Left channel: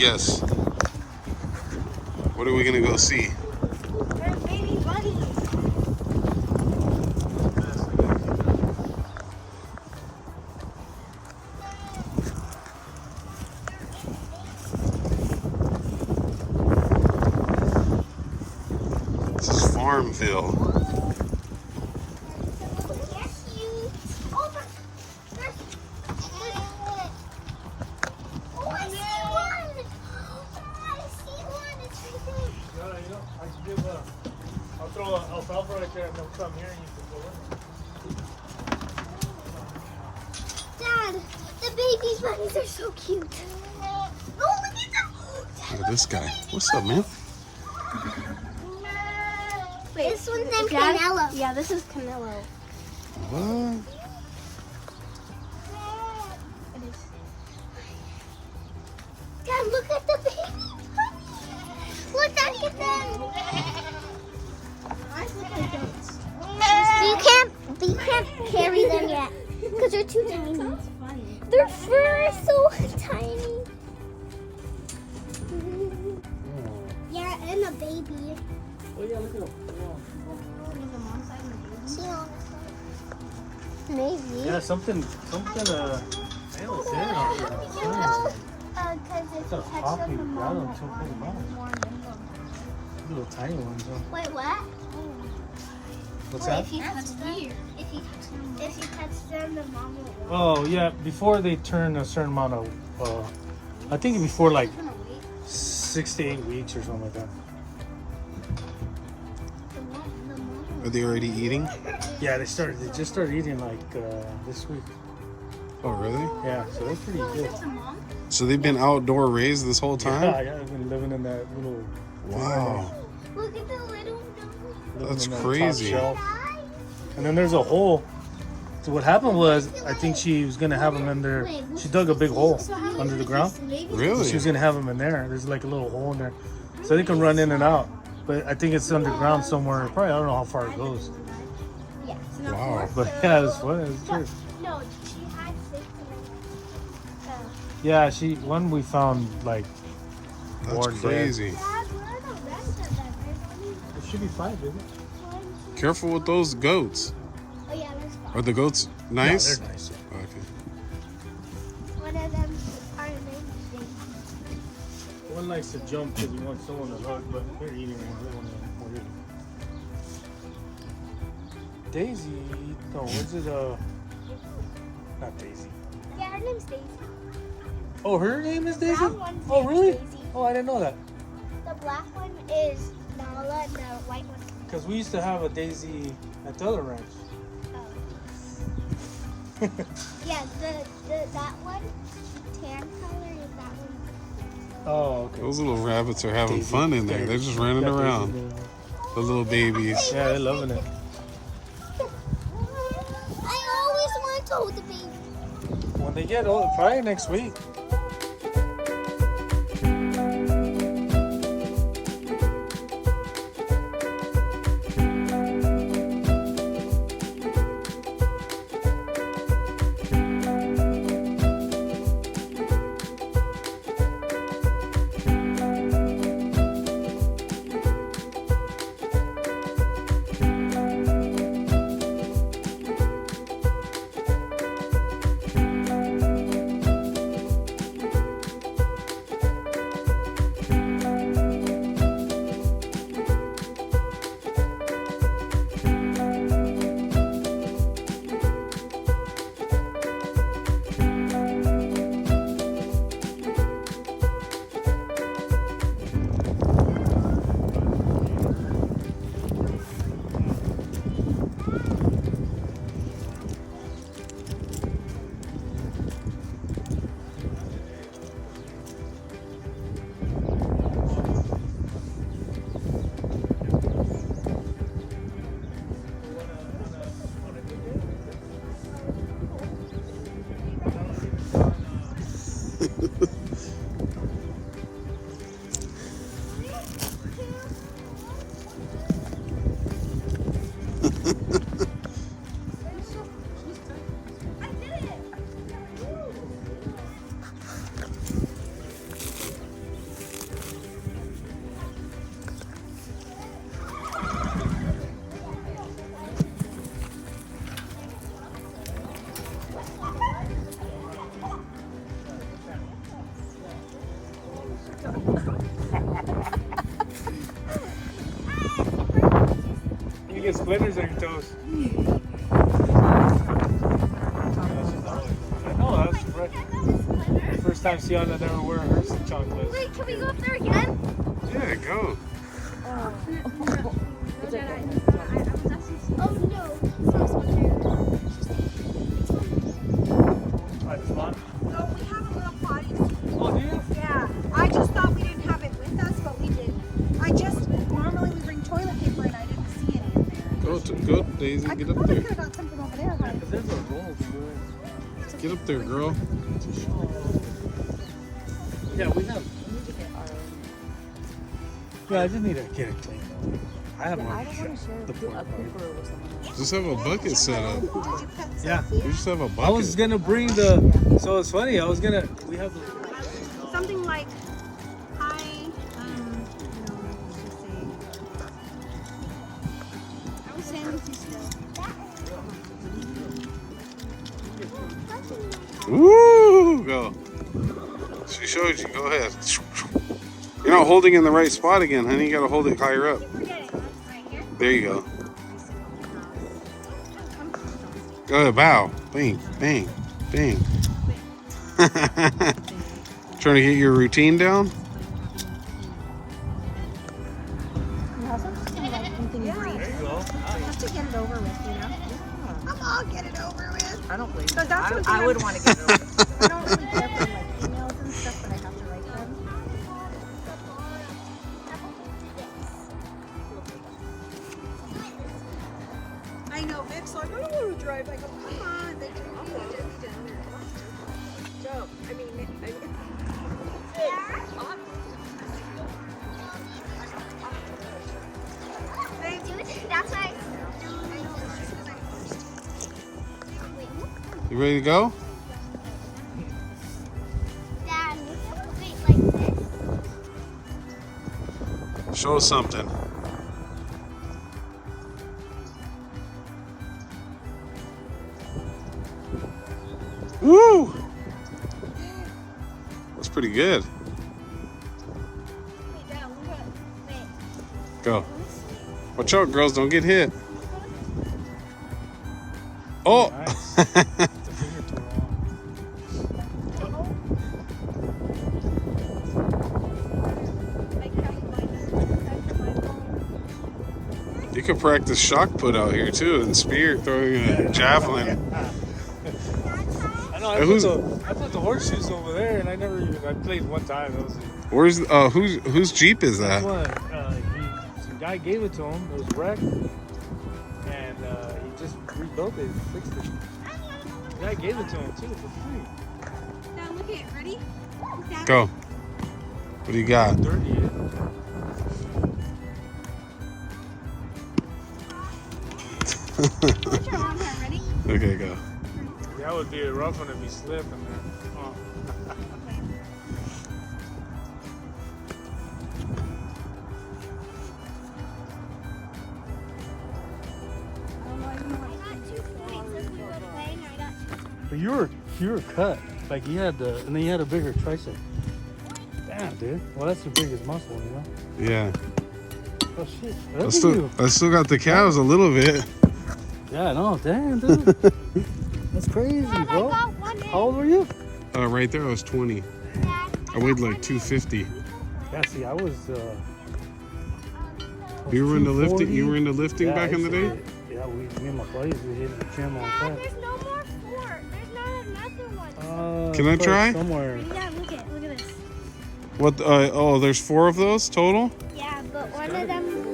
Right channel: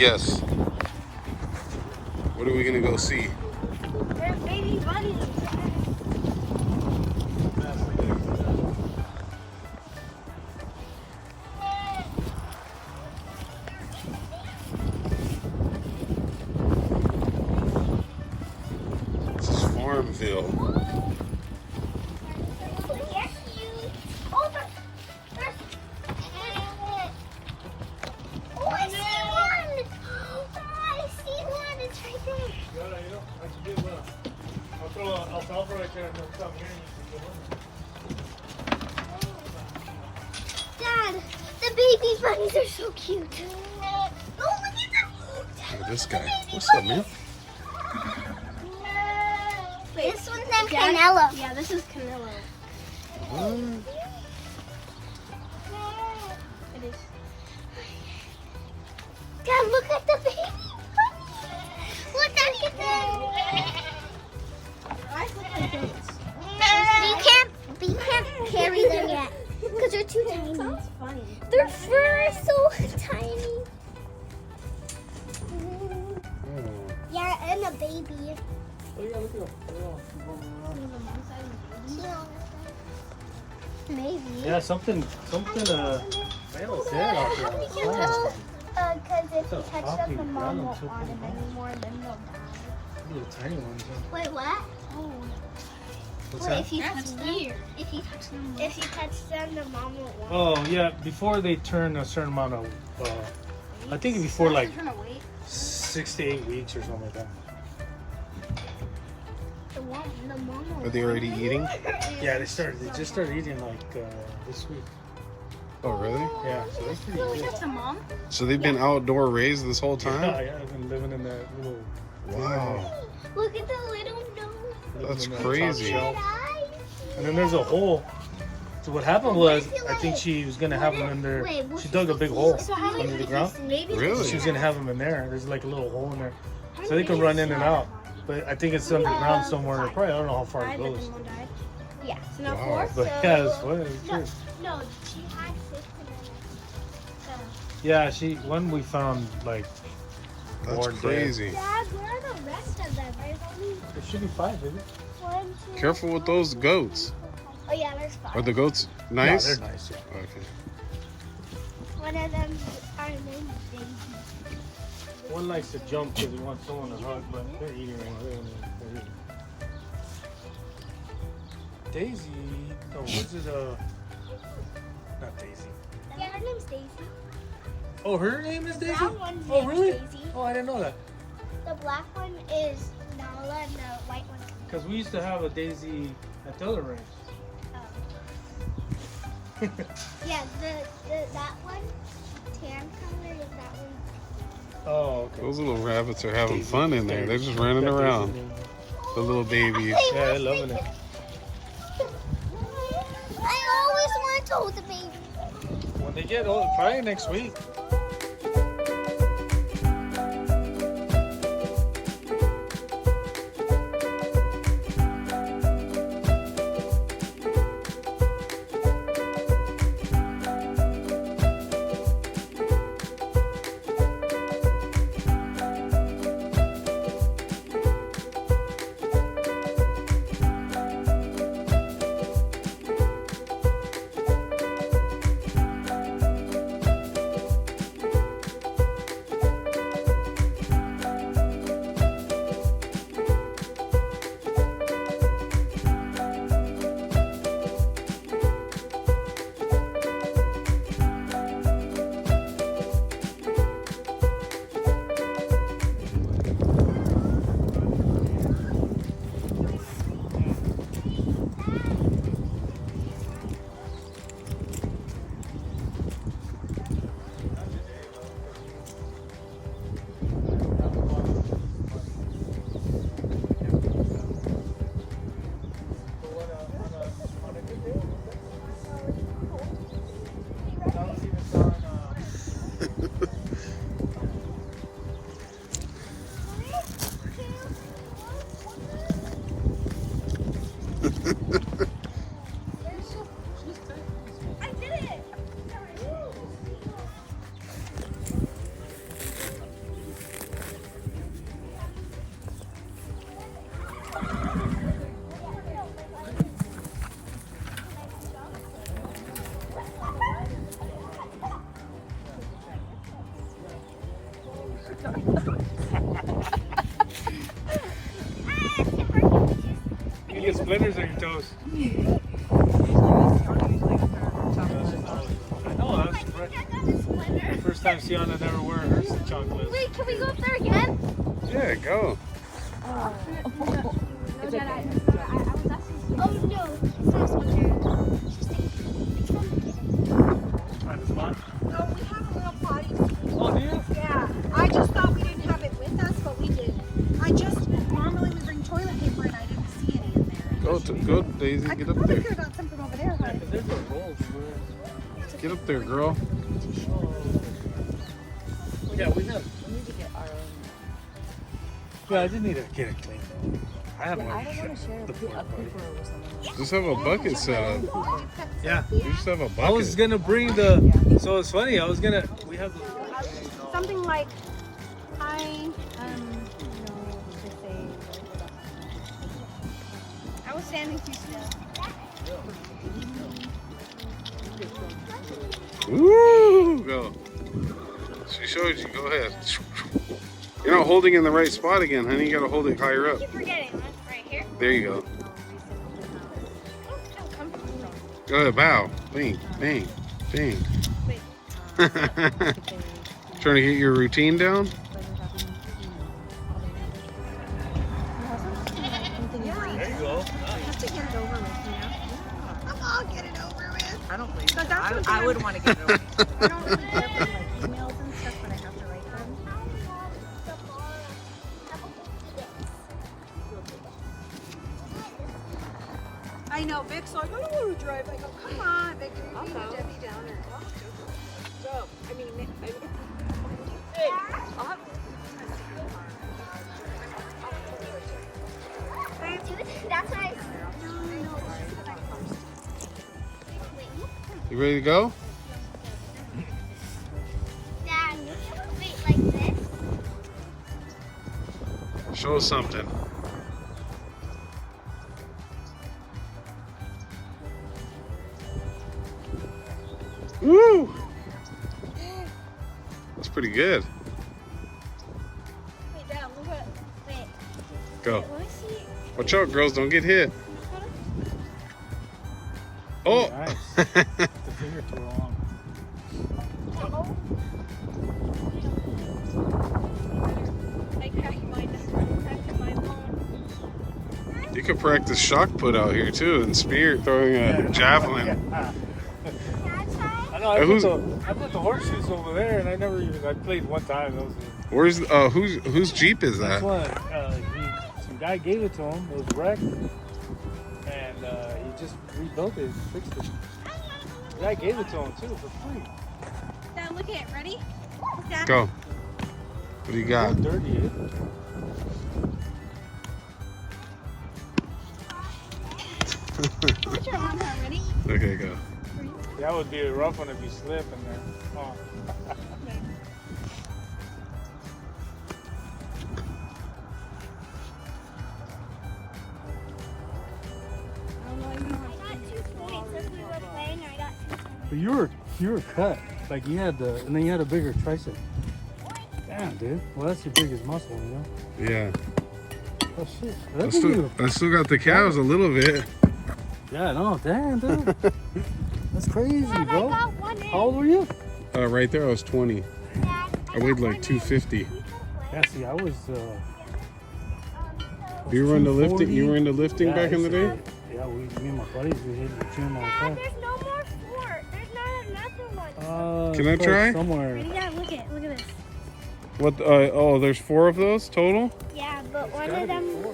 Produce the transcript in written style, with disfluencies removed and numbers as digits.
Yes. What are we gonna go see? There's baby bunnies. This is Farmville. Dad, the baby bunnies are so cute. Oh, look at them. Look at this guy. What's up, man? This one's in Canelo. Yeah, this is Canelo. What? It is. Dad, look at the baby bunnies. Look at them. You can't carry them yet because they're too tiny. That's funny. Their fur is so tiny. Yeah, and a baby. Maybe. Yeah, something, I don't know. How do we get tell? Because if you catch Coffee them, the mom ground, won't so want them pretty anymore, and then they'll die. Little tiny ones. Wait, what? Oh. What's Wait, that? if you touch them, if you touch them, the mom won't want Oh, yeah, before they turn a certain amount of, I think before like 6 to 8 weeks or something like that. the mom Are they already eating? Yeah, they just started eating like this week. Oh, really? Yeah, so that's pretty good. That's a mom? So they've been outdoor raised this whole time? Yeah, they've been living in that little. Wow. Look at the little nose. living That's in that top crazy. shelf. And then there's a hole. So what happened was, I think she was gonna have them in there. She dug a big hole under the ground. Really? She was gonna have them in there. There's like a little hole in there, so they can run in and out. But I think it's underground somewhere. Probably I don't know how far it goes. Yeah. Wow. But yeah, it's funny. It's good. No, she had 6 Yeah, one we found like. That's more dead. crazy. Dad, where are the rest of them? There's only It should be 5, baby. 1, 2. Careful with those goats. Oh yeah, there's 5. Are the goats nice? Yeah, they're nice. Okay. One of them are named Baby. One likes to jump because he wants someone to hug, but they're eating one. Daisy, no, what's it? Not Daisy. Yeah, her name's Daisy. Oh, her name is Daisy? That one's Oh, named really? Daisy. Oh, I didn't know that. The black one is Nala and the white one. Because we used to have a Daisy at the other ranch. Yeah, that one, tan color is that one. Oh, okay. Those little rabbits are having Daisy. fun in there. They're just running Yeah, around. Daisy. The little babies. Yeah, they're loving it. I always want to hold the baby. When they get old, probably next week. You get splinters on your toes. Oh, that's right. First time Sienna never wear her chocolates. Wait, can we go up there again? Yeah, go. It's okay. Oh, do you? Yeah, I just thought we didn't have it with us, but we did. I just normally we bring toilet paper and I didn't see any in there. Go, Daisy. Get up there. There's not something over there. But Get up there, girl. Yeah, we have. Yeah, I just need to get it cleaned. I have more. Just have a bucket set up. Yeah. You just have a I was bucket. gonna bring the. So it's funny. I was gonna. We have the. something like I was standing too soon. Woo! Go. She showed you. Go ahead. You're not holding in the right spot again, honey. You gotta hold it higher up. Keep forgetting. Right here. There you go. Go ahead, bow. Bing, bing, bing. Trying to get your routine down? There you go. I'll get it over with. I don't blame So you. that's what I wouldn't want to get it over. I know, Vic's like, I don't want to drive. I go, come on, Vic, I'll put Debbie down here. So, I mean, Vic, I'll have That's right. You ready to go? Dad, you can wait like this. Show us something. Woo! That's pretty good. Wait, Dad, look at. Wait. Go. Let me see. Watch out, girls. Don't get hit. Oh! You can practice shot put out here too, and spear throwing a javelin. I know. Who's- I put the horseshoes over there, and I never even. I played one time. It was Where's whose Jeep is that? one. Some guy gave it to him. It was wrecked, and he just rebuilt it, fixed it. The guy gave it to him too for free. Dad, look at it. Ready? Dad, Go. What do you got? It's dirty. Eh? put your arm down. Ready? Okay, go. That would be a rough one if he slipped. And then, oh. I got 2 points if we were playing. I got 2 points. But you were cut. Like you had the, and then you had a bigger tricep. Damn, dude. Well, that's your biggest muscle, you know. Yeah. Oh shit. Look at you. I still got the calves a little bit. Yeah, no, damn, dude. That's crazy, Dad, I bro. got 1 in. How old were you? Right there, I was 20. Dad, I weighed got like 1 250. in. Yeah, see, I was. You were into lifting. 240. You were into lifting Yeah, back in the I used day. to- Yeah, me and my buddies, we hit the gym all Dad, the there's no more 4. There's not another one. time. Can I it's try? Somewhere. Dad, look at this. What? Oh, there's 4 of those total. Yeah, but one of them